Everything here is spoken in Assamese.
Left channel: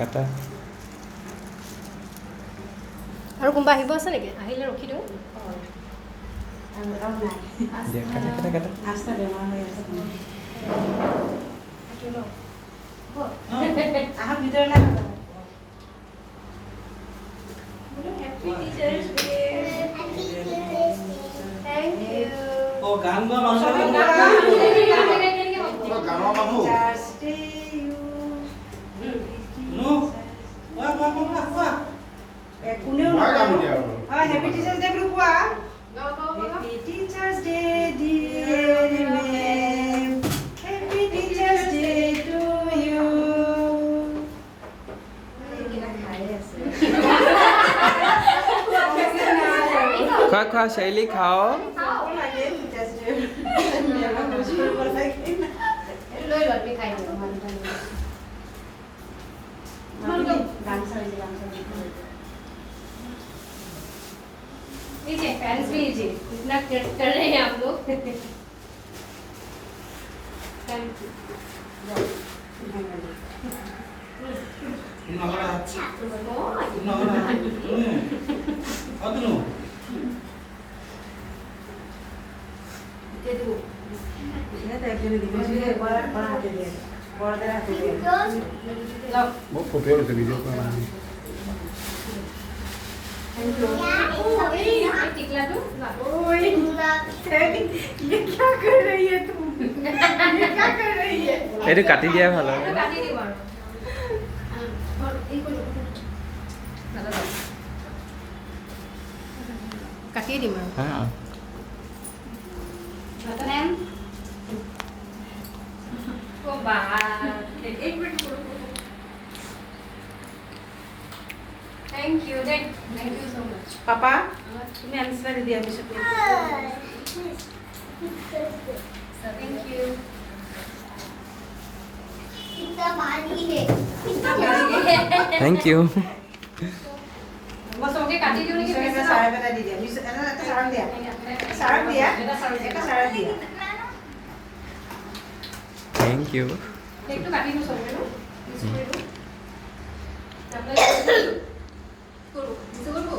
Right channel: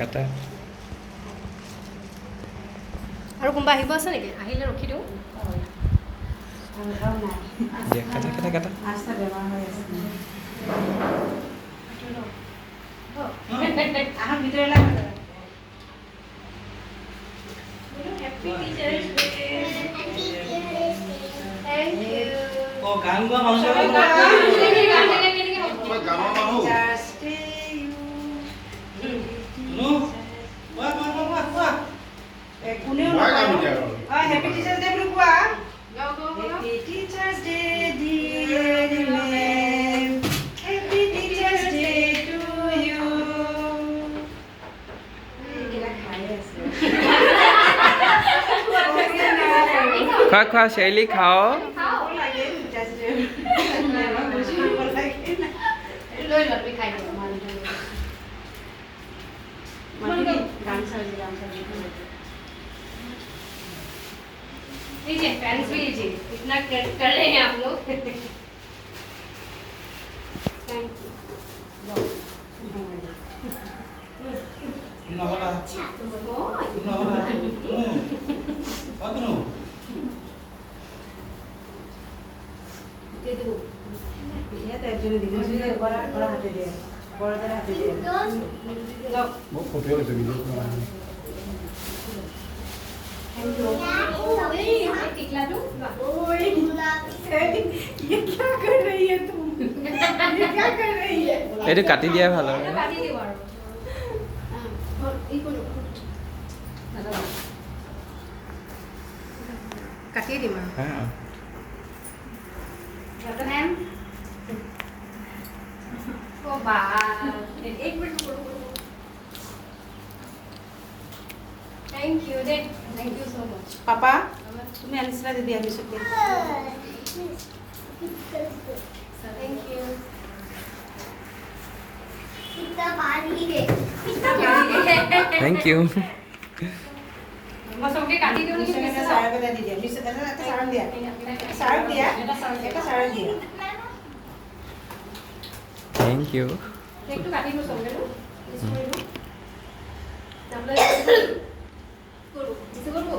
কাটা আৰু কোনোবা আহিব আছে নেকি? আহিলে ৰখি দিওঁ। দিয়া কাটা কাটা কাটা গান গোৱা মানুহ Happy Teachers Day বুলি কোৱা Happy Teachers Day dear ma'am Happy Teachers Day to you খোৱা খোৱা শৈলী খাও লৈ লোৱা তুমি খাই দিবা लीजिए फैंस भी लीजिए इतना कर रहे हैं आप लोग थैंक बहुत खूबसूरत वीडियो टिकला तू ये क्या कर रही है तुम ये क्या कर रही है এইটো কাটি দিয়াই ভাল হয় काटी दे बारो और एक को काटिए दी बारो হা मैम ओ बात एक minute thank you so much पापा तुम्ही आनिसला दीदी आम्ही शिकू थैंक यू থ্যাংক ইউ बस ओके काटी दियो नहीं मिसर सारा बेटा दीदी मिसर এটা সারাম দিয়া সারাম দিয়া এটা সারাम দিয়া থ্যাংক ইউ एक तो काटी दो सब ना इसको তারপরে করো কিছু করবো